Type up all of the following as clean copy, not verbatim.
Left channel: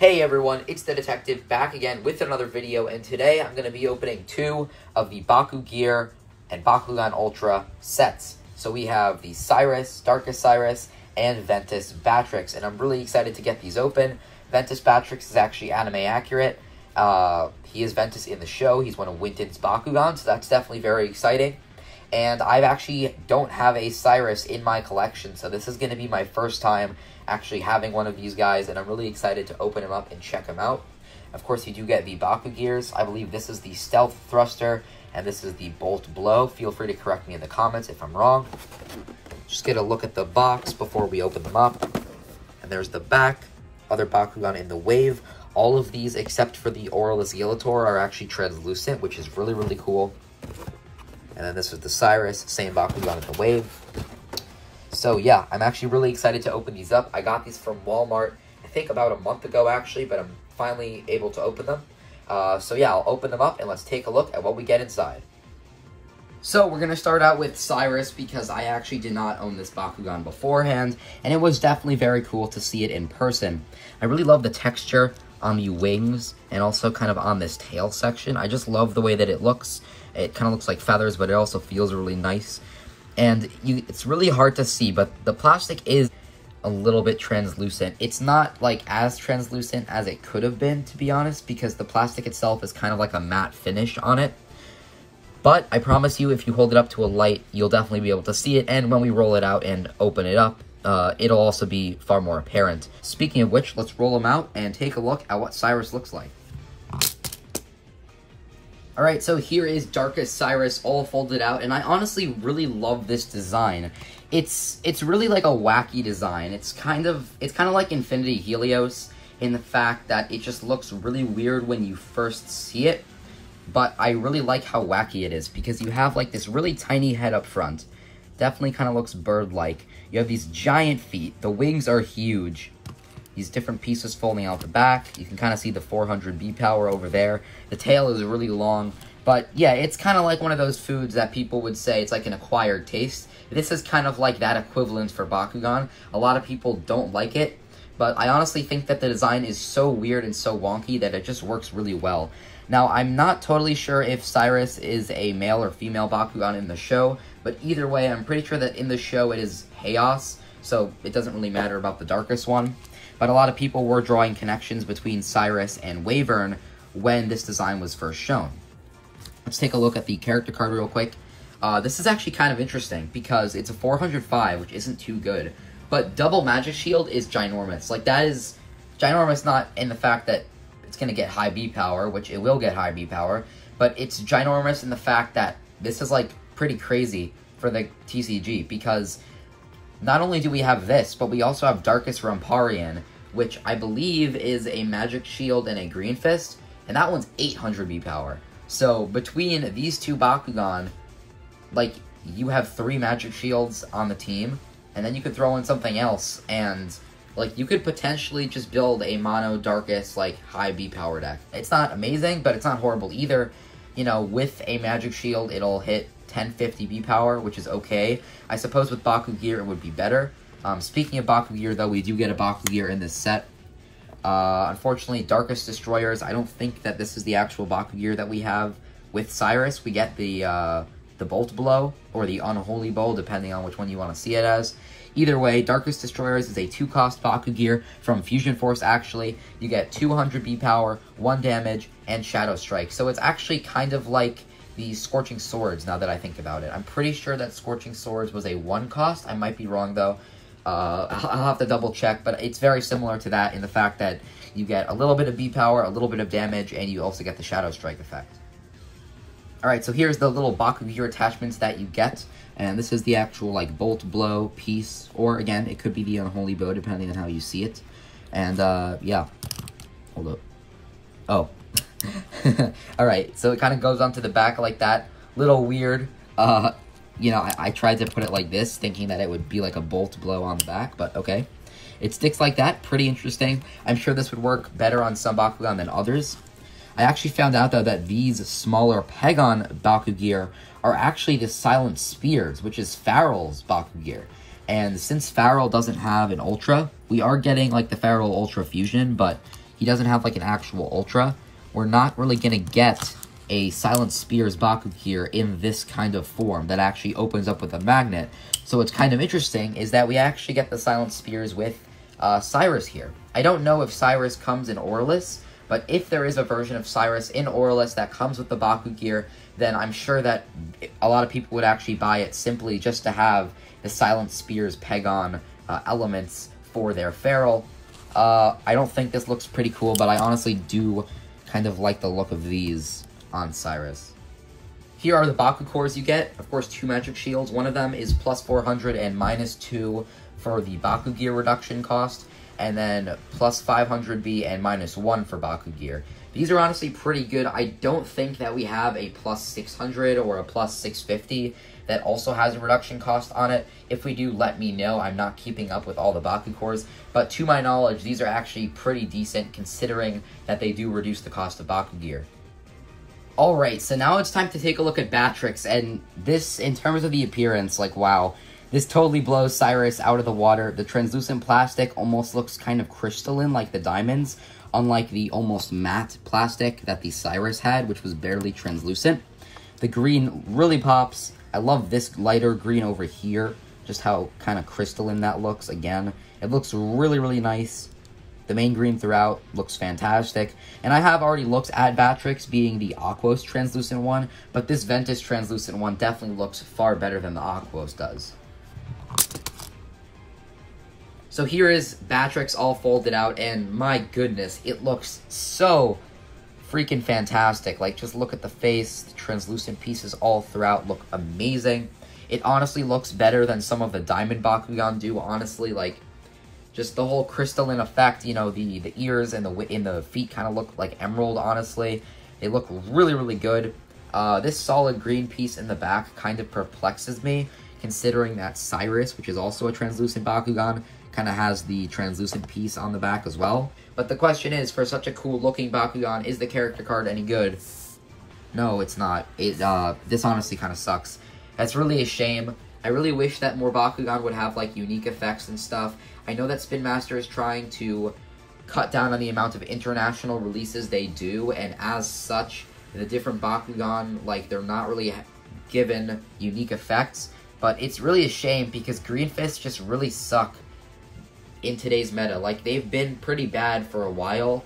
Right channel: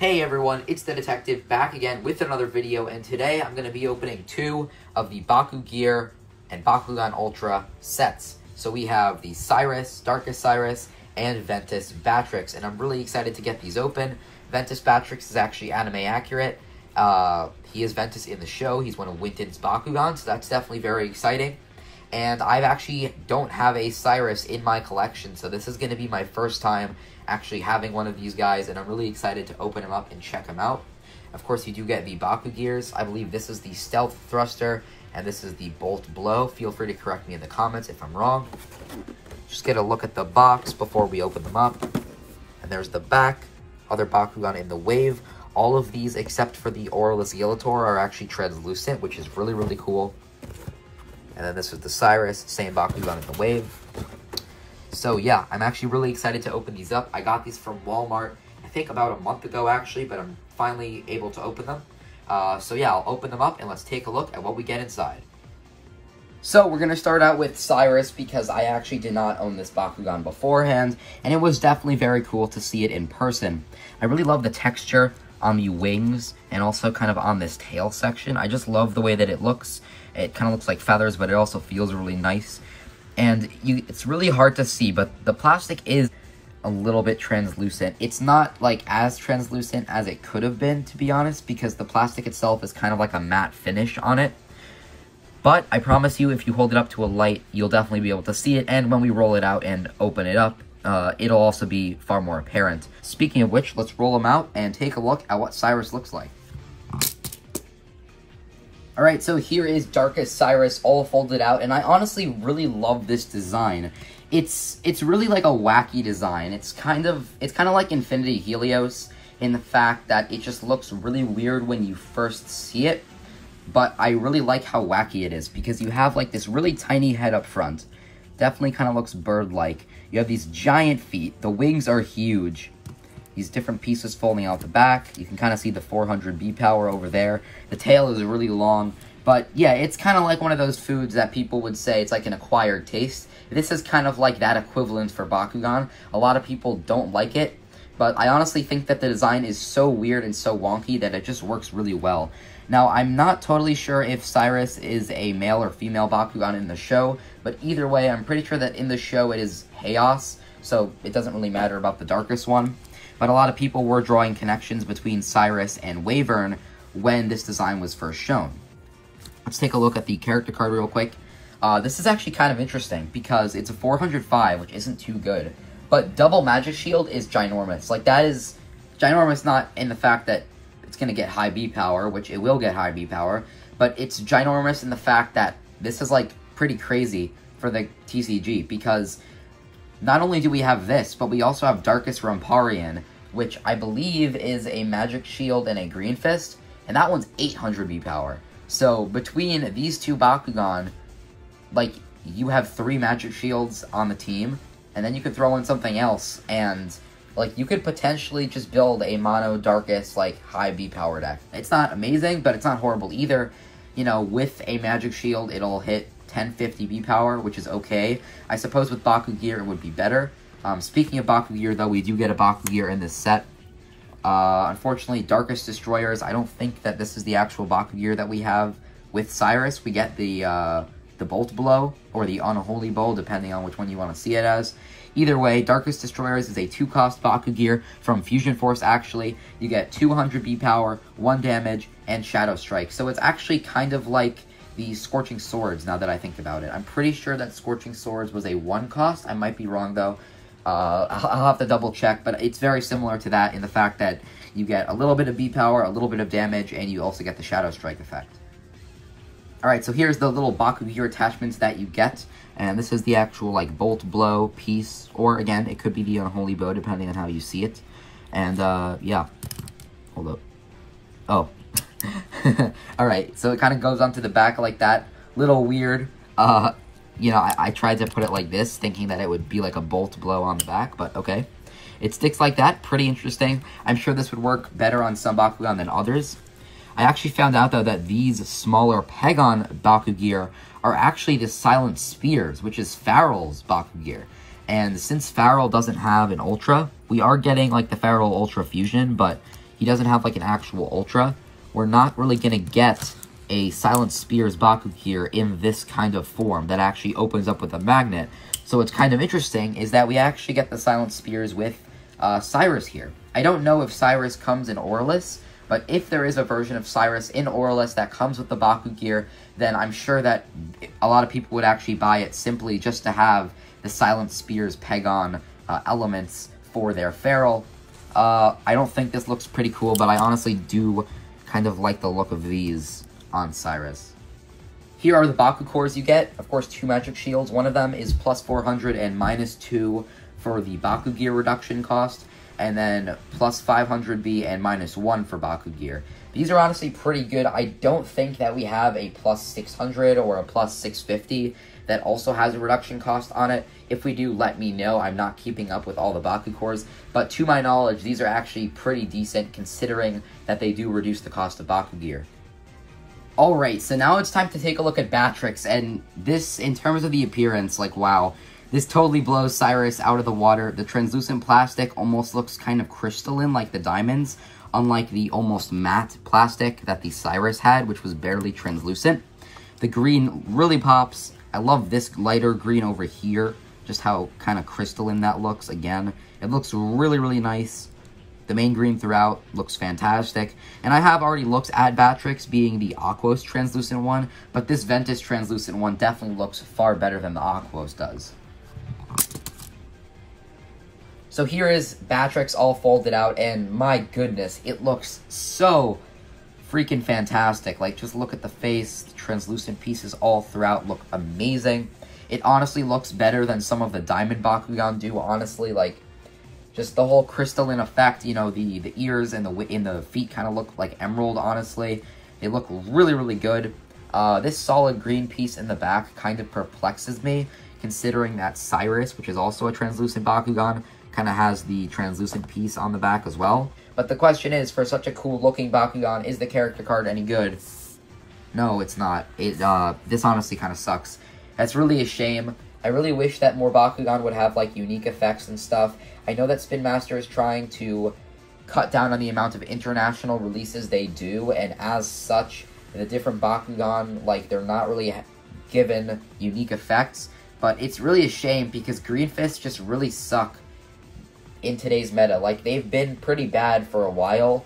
Hey everyone, it's the Detective back again with another video, and today I'm going to be opening two of the BakuGear and Bakugan Ultra sets. So we have the Cyrus, Darkest Cyrus, and Ventus Batrix, and I'm really excited to get these open. Ventus Batrix is actually anime accurate. He is Ventus in the show. He's one of Winton's Bakugan, so that's definitely very exciting. And I actually don't have a Cyrus in my collection, so this is going to be my first time actually having one of these guys, and I'm really excited to open him up and check him out. Of course, you do get the BakuGears. I believe this is the Stealth Thruster, and this is the Bolt Blow. Feel free to correct me in the comments if I'm wrong. Just get a look at the box before we open them up. And there's the back, other Bakugan in the wave. All of these, except for the Aurelus Yelator, are actually translucent, which is really, really cool. And then this is the Cyrus, same Bakugan in the wave. So yeah, I'm actually really excited to open these up. I got these from Walmart, I think about a month ago actually, but I'm finally able to open them. So yeah, I'll open them up and let's take a look at what we get inside. So we're going to start out with Cyrus because I actually did not own this Bakugan beforehand, and it was definitely very cool to see it in person. I really love the texture on the wings and also kind of on this tail section. I just love the way that it looks. It kind of looks like feathers, but it also feels really nice. And it's really hard to see, but the plastic is a little bit translucent. It's not like as translucent as it could have been, to be honest, because the plastic itself is kind of like a matte finish on it. But I promise you, if you hold it up to a light, you'll definitely be able to see it. And when we roll it out and open it up, it'll also be far more apparent. Speaking of which, let's roll them out and take a look at what Cyrus looks like. Alright, so here is Darkest Cyrus all folded out, and I honestly really love this design. It's really like a wacky design. It's kind of like Infinity Helios in the fact that it just looks really weird when you first see it, but I really like how wacky it is because you have like this really tiny head up front. Definitely kind of looks bird-like. You have these giant feet. The wings are huge. These different pieces folding out the back. You can kind of see the 400 B power over there. The tail is really long. But yeah, it's kind of like one of those foods that people would say it's like an acquired taste. This is kind of like that equivalent for Bakugan. A lot of people don't like it, but I honestly think that the design is so weird and so wonky that it just works really well. Now, I'm not totally sure if Cyrus is a male or female Bakugan in the show, but either way, I'm pretty sure that in the show it is Chaos, so it doesn't really matter about the darkest one. But a lot of people were drawing connections between Cyrus and Wyvern when this design was first shown. Let's take a look at the character card real quick. This is actually kind of interesting because it's a 405, which isn't too good. But double magic shield is ginormous. Like, that is ginormous not in the fact that it's going to get high B power, which it will get high B power, but it's ginormous in the fact that this is, like, pretty crazy for the TCG because not only do we have this, but we also have Darkest Ramparian, which I believe is a Magic Shield and a Green Fist, and that one's 800 B power. So between these two Bakugan, like, you have 3 Magic Shields on the team, and then you could throw in something else, and, like, you could potentially just build a mono Darkest, like, high B power deck. It's not amazing, but it's not horrible either. You know, with a Magic Shield, it'll hit 1050 B power, which is okay. I suppose with BakuGear it would be better. Speaking of BakuGear, though, we do get a BakuGear in this set. Unfortunately, Darkest Destroyers, I don't think that this is the actual BakuGear that we have with Cyrus. We get the Bolt Blow, or the Unholy Bowl, depending on which one you want to see it as. Either way, Darkest Destroyers is a 2-cost BakuGear from Fusion Force, actually. You get 200 B power, 1 damage, and Shadow Strike. So it's actually kind of like the Scorching Swords, now that I think about it. I'm pretty sure that Scorching Swords was a 1-cost. I might be wrong, though. I'll have to double check, but it's very similar to that in the fact that you get a little bit of B power, a little bit of damage, and you also get the Shadow Strike effect. Alright, so here's the little BakuGear attachments that you get, and this is the actual, like, Bolt Blow piece, or, again, it could be the Unholy Bow, depending on how you see it. And, yeah. Hold up. Oh. Alright, so it kind of goes onto the back like that. Little weird. You know, I tried to put it like this, thinking that it would be like a Bolt Blow on the back, but okay. It sticks like that. Pretty interesting. I'm sure this would work better on some Bakugan than others. I actually found out, though, that these smaller Pagon BakuGear are actually the Silent Spears, which is Farrell's BakuGear. And since Farrell doesn't have an Ultra, we are getting, like, the Farrell Ultra Fusion, but he doesn't have like an actual Ultra, we're not really going to get a Silent Spears BakuGear in this kind of form that actually opens up with a magnet. So what's kind of interesting is that we actually get the Silent Spears with Cyrus here. I don't know if Cyrus comes in Aurelus, but if there is a version of Cyrus in Aurelus that comes with the BakuGear, then I'm sure that a lot of people would actually buy it simply just to have the Silent Spears Pegon elements for their Feral. I don't think this looks pretty cool, but I honestly do kind of like the look of these on Cyrus. Here are the Baku cores you get. Of course, 2 magic shields. One of them is plus 400 and minus 2 for the BakuGear reduction cost, and then plus 500B and minus 1 for BakuGear. These are honestly pretty good. I don't think that we have a plus 600 or a plus 650 that also has a reduction cost on it. If we do, let me know. I'm not keeping up with all the Baku cores, but to my knowledge, these are actually pretty decent considering that they do reduce the cost of BakuGear. Alright, so now it's time to take a look at Batrix, and this, in terms of the appearance, like, wow, this totally blows Cyrus out of the water. The translucent plastic almost looks kind of crystalline like the diamonds, unlike the almost matte plastic that the Cyrus had, which was barely translucent. The green really pops. I love this lighter green over here, just how kind of crystalline that looks. Again, it looks really, really nice. The main green throughout looks fantastic, and I have already looked at Batrix being the Aquos translucent one, but this Ventus translucent one definitely looks far better than the Aquos does. So here is Batrix all folded out, and my goodness, it looks so freaking fantastic. Like, just look at the face. The translucent pieces all throughout look amazing. It honestly looks better than some of the Diamond Bakugan do, honestly. Like, just the whole crystalline effect, you know, the ears and the feet kind of look like emerald, honestly. They look really, really good. This solid green piece in the back kind of perplexes me, considering that Cyrus, which is also a translucent Bakugan, kind of has the translucent piece on the back as well. But the question is, for such a cool-looking Bakugan, is the character card any good? No, it's not. This honestly kind of sucks. That's really a shame. I really wish that more Bakugan would have, like, unique effects and stuff. I know that Spin Master is trying to cut down on the amount of international releases they do, and as such, the different Bakugan, like, they're not really given unique effects. But it's really a shame, because Green Fists just really suck in today's meta. Like, they've been pretty bad for a while.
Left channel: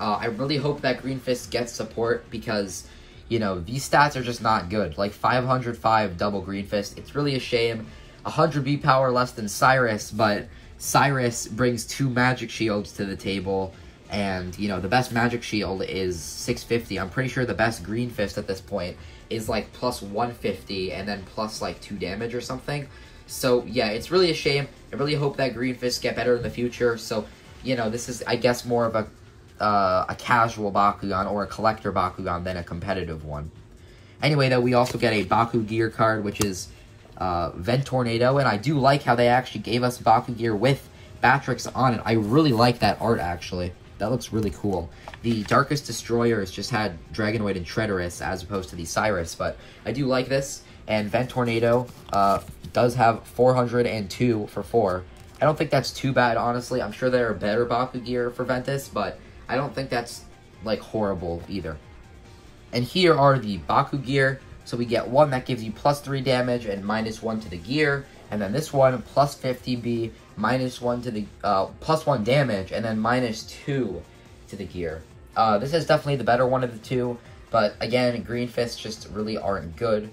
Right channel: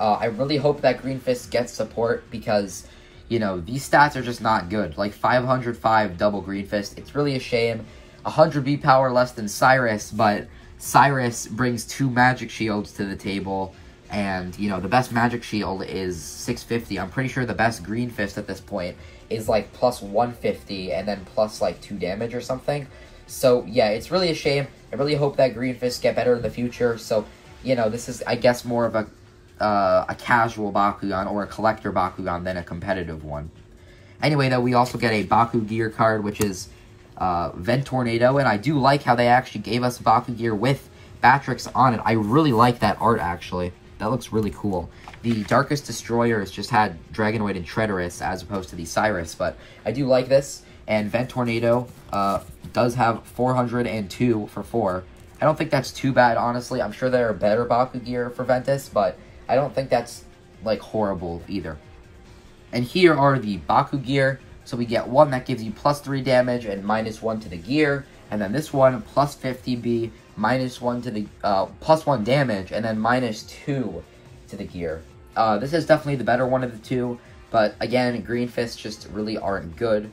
I really hope that Green Fist gets support, because, you know, these stats are just not good. Like, 505 double Green Fist, it's really a shame. 100 B power less than Cyrus, but Cyrus brings 2 magic shields to the table, and, you know, the best magic shield is 650. I'm pretty sure the best Green Fist at this point is, like, plus 150, and then plus, like, 2 damage or something. So, yeah, it's really a shame. I really hope that Green Fists get better in the future. So, you know, this is, I guess, more of a casual Bakugan or a collector Bakugan than a competitive one. Anyway, though, we also get a BakuGear card, which is Vent Tornado, and I do like how they actually gave us BakuGear with Batrix on it. I really like that art, actually. That looks really cool. The Darkest Destroyers just had Dragonoid and Treacherous as opposed to the Cyrus, but I do like this. And Vent Tornado does have 402 for 4. I don't think that's too bad, honestly. I'm sure there are better BakuGear for Ventus, but I don't think that's, like, horrible either. And here are the BakuGear. So we get one that gives you plus 3 damage and minus 1 to the gear. And then this one, plus 50B, minus 1 to the, plus 1 damage, and then minus 2 to the gear. This is definitely the better one of the two, but again, Green Fists just really aren't good.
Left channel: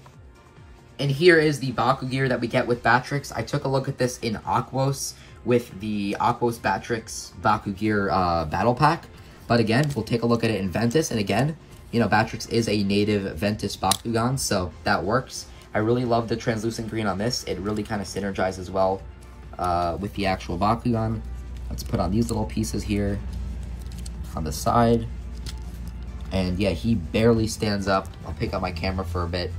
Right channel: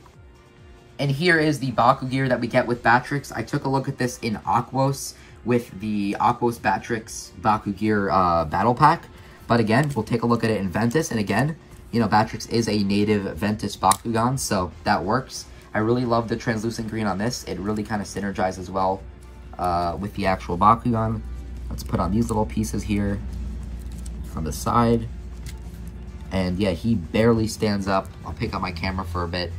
And here is the BakuGear that we get with Batrix. I took a look at this in Aquos with the Aquos Batrix BakuGear Battle Pack. But again, we'll take a look at it in Ventus, and again, you know, Batrix is a native Ventus Bakugan, so that works. I really love the translucent green on this. It really kind of synergizes well with the actual Bakugan. Let's put on these little pieces here on the side. And yeah, he barely stands up. I'll pick up my camera for a bit.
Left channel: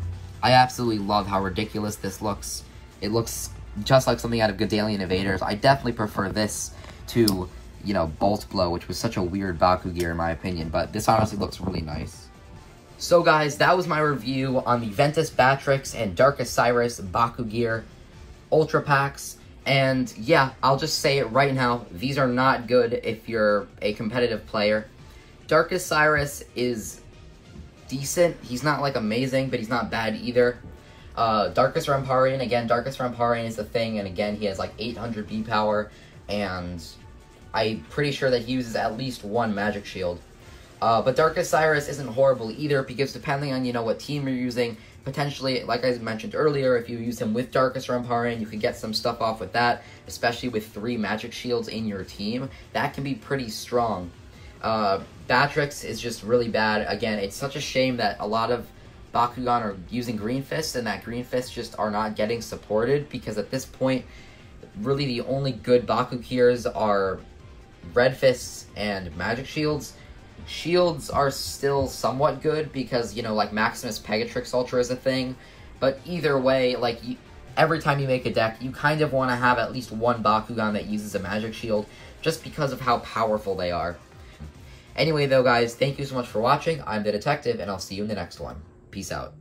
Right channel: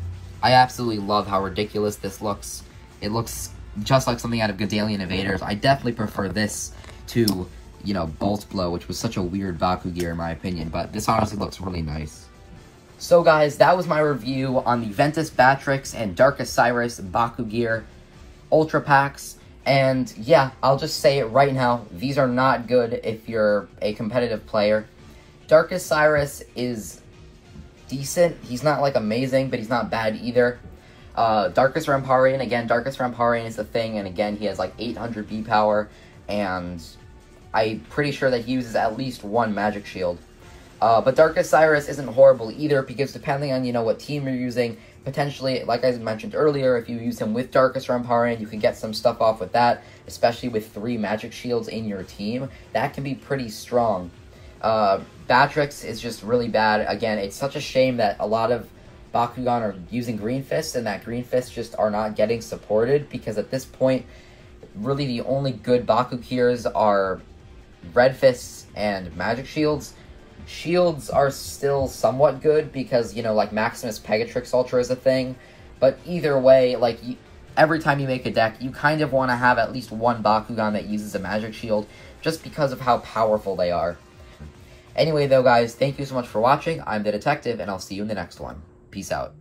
I absolutely love how ridiculous this looks. It looks just like something out of Godalian Invaders. I definitely prefer this to, you know, Bolt Blow, which was such a weird BakuGear in my opinion, but this honestly looks really nice. So guys, that was my review on the Ventus Batrix and Darkest Sairus BakuGear Ultra Packs. And yeah, I'll just say it right now, these are not good if you're a competitive player. Darkest Cyrus is decent. He's not like amazing, but he's not bad either. Darkest Ramparian, again, Darkest Ramparian is the thing, and again, he has like 800 B power, and I'm pretty sure that he uses at least one magic shield. But Darkest Cyrus isn't horrible either, because depending on, you know, what team you're using, potentially, like I mentioned earlier, if you use him with Darkest Ramparian, you can get some stuff off with that, especially with 3 magic shields in your team. That can be pretty strong. Batrix is just really bad. Again, it's such a shame that a lot of Bakugan are using Green Fists, and that Green Fists just are not getting supported, because at this point, really the only good BakuGears are Red Fists and Magic Shields. Shields are still somewhat good, because, you know, like, Maximus Batrix Ultra is a thing, but either way, like, every time you make a deck, you kind of want to have at least one Bakugan that uses a Magic Shield, just because of how powerful they are. Anyway, though, guys, thank you so much for watching. I'm the Detective, and I'll see you in the next one. Peace out.